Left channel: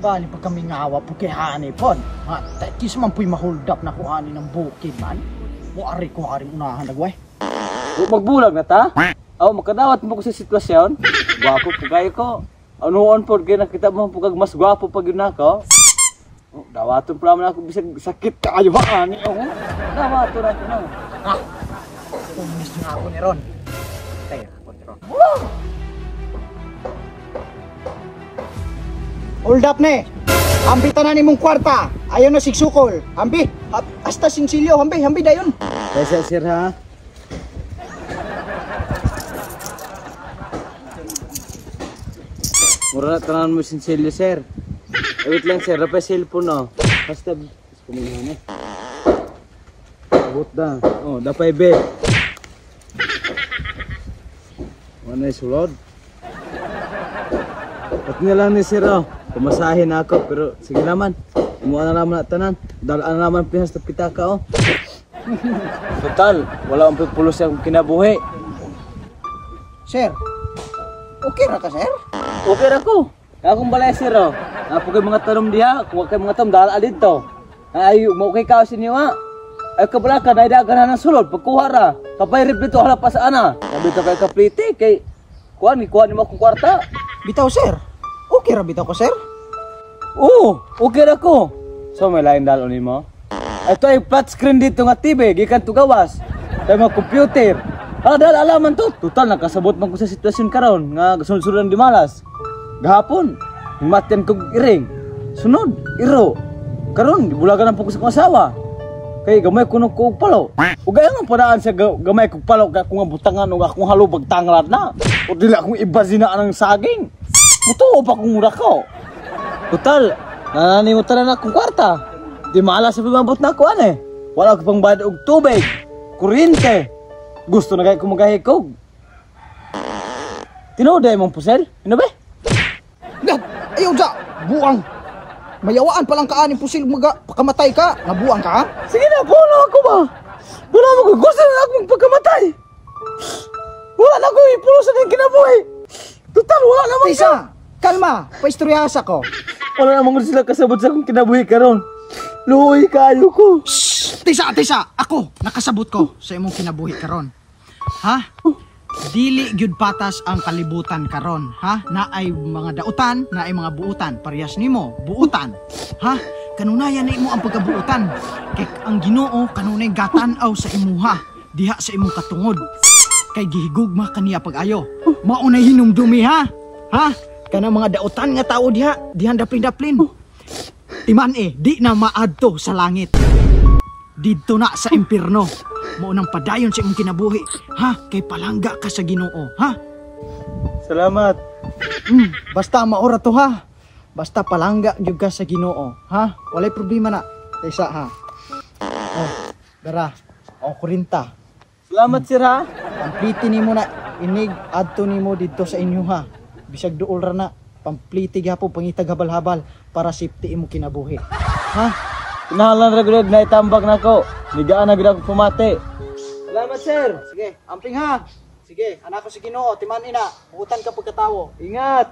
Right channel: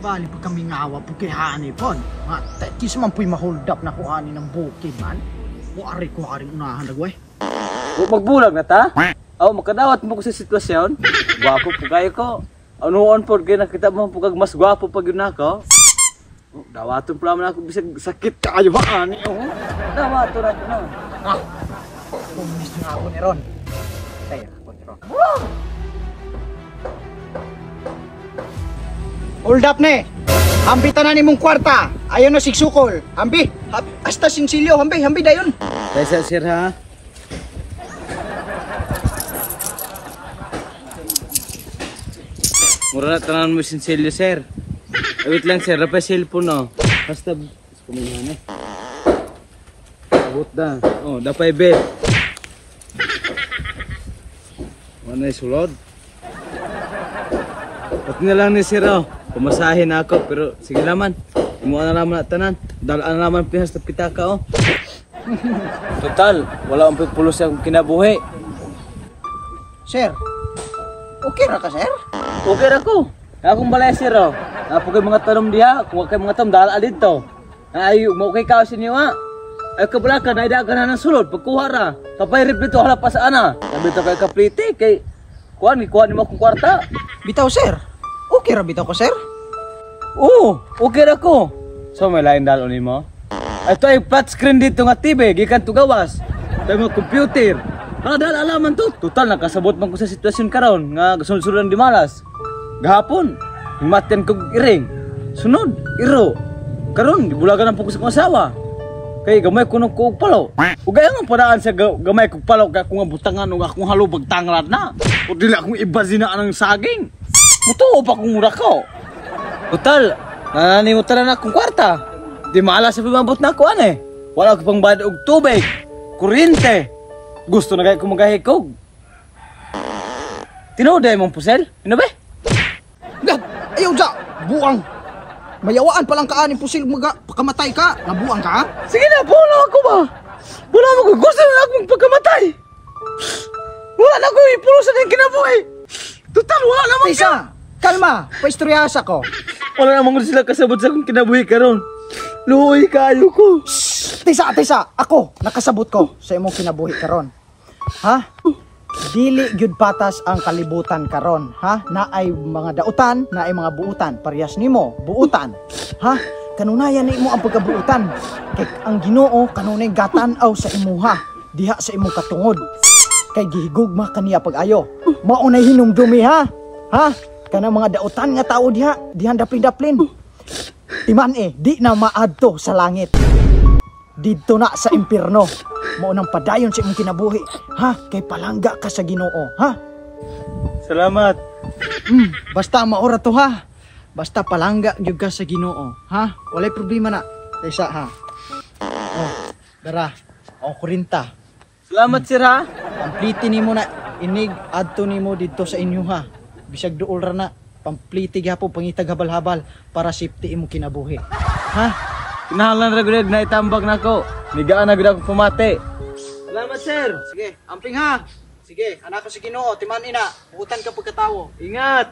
Bali pag kami ngawa po kay ani pon. Ha, tekis man po'y ma-hold up na ko ani ng bukid man. Buari ko aring unahan nagway. Huwag magbulag na ta. Aw makadawat mo ko sa sitwasyon. Gwapo po kayo ko. Anuon po kaya nakita mo po kag mas gwapo pag yun ako. Dawaton pala man ako bisag sakit kayo ba ani. Dawaton ako na. Ha. Pumis nga ako ni Ron. Tayo ako ni Ron. Hold up ne. Ambi tanan nimong kwarta. Ayon no sigsukol. Ambi. Hasta sinsilyo. Ambi dayon. Kaya sir ha. Mura na tanan mo sinsilyo sir. Wait lang sir. Rapay cellphone no. Basta kumahan eh. Abot na. Oh, dapay bed. Ano sulod? Pati na lang ni sir oh. Pumasahin na ako pero sige naman. Kumuha na naman na tanan. Dalaan na naman pihas na pitaka oh. Total, wala akong pulos yung kinabuhi. Sir. Okay ra ka sir? Okay ra ko. Akong balay sir oh. Apo kay mga tanom diha, kuha kay mga tanom dala dito. Ay mo kay kaos inyo ha. Ay kabalaka na idagan na ng sulod pagkuha ra. Kapay rip dito hala pa sa ana. Sabi to kay kapliti kay kuha ni mo akong kwarta. Bitaw sir. Okay ra bitaw ko sir? Oo, okay ra ko. So may lain dalo nimo. Ito ay flat screen dito nga TV, gikan to gawas. Tay mo computer. Dal alaman to. Total nakasabot man ko sa sitwasyon karon nga gasulsuran di malas. Gahapon, himaten ko iring. Sunod, iro. Karon dibulagan ang po ko sa asawa. Kay gamay ko nung kog palo. Ugay ang padaan sa gamay kog palo kay akong butangan ug akong halubag tanglad na. O dili akong ibazina ang saging. Mutuo pa kong mura ko. Total, nananimutan na akong kwarta. Di malas sa pimabot na ako ane. Wala ko pang bayad og tubig, kuryente. Gusto na kayo kumagahikog. Tinood ay mong pusel? Ano ba? Ayaw dya! Buang! Mayawaan palang ka aning pusil maga. Pagkamatay ka, nabuang ka ha? Sige na, puno ako ba? Wala mo ko. Gusto na akong pagkamatay. Wala na ko ipurusan yung kinabuhi. Total, wala naman ka. Tisa, kalma. Paistoryasa ko. Wala naman sila kasabot sa akong kinabuhi karon. Luhoy kayo ko. Shhh! Tisa, ako, nakasabot ko sa imong kinabuhi karon. Ha? Dili gyud patas ang kalibutan karon, ha? Naay mga dautan, naay mga buutan, parehas nimo, buutan. Ha? Kanunayan na imo ang pagkabuutan. Kay ang Ginoo kanunay gatan-aw sa imuha, diha sa imong katungod. Kay gihigugma kaniya pag-ayo. Maunay hinumdumi ha? Ha? Kanang mga dautan nga tao dihan daplin-daplin. Timan di na maadto sa langit. Dito na sa impyerno. Mao nang padayon sa imong kinabuhi, ha? Kay palangga ka sa Ginoo, ha? Salamat. Basta maora to ha. Basta palangga gyud ka sa Ginoo, ha? Walay problema na. Kaysa ha. Oh, dara. Oh, 40. Salamat sir ha. Pampliti nimo na inig adto nimo dito sa inyo ha. Bisag duol ra na. Pampliti gyapon pangitag habal-habal para safety imo kinabuhi. Ha? Kinahalan ra gud na itambag nako. Nigaan na gud ako pumati. Salamat sir. Sige, amping ha. Sige, anak ko sa Ginoo, timan ina. Buutan ka pagkatawo. Ingat.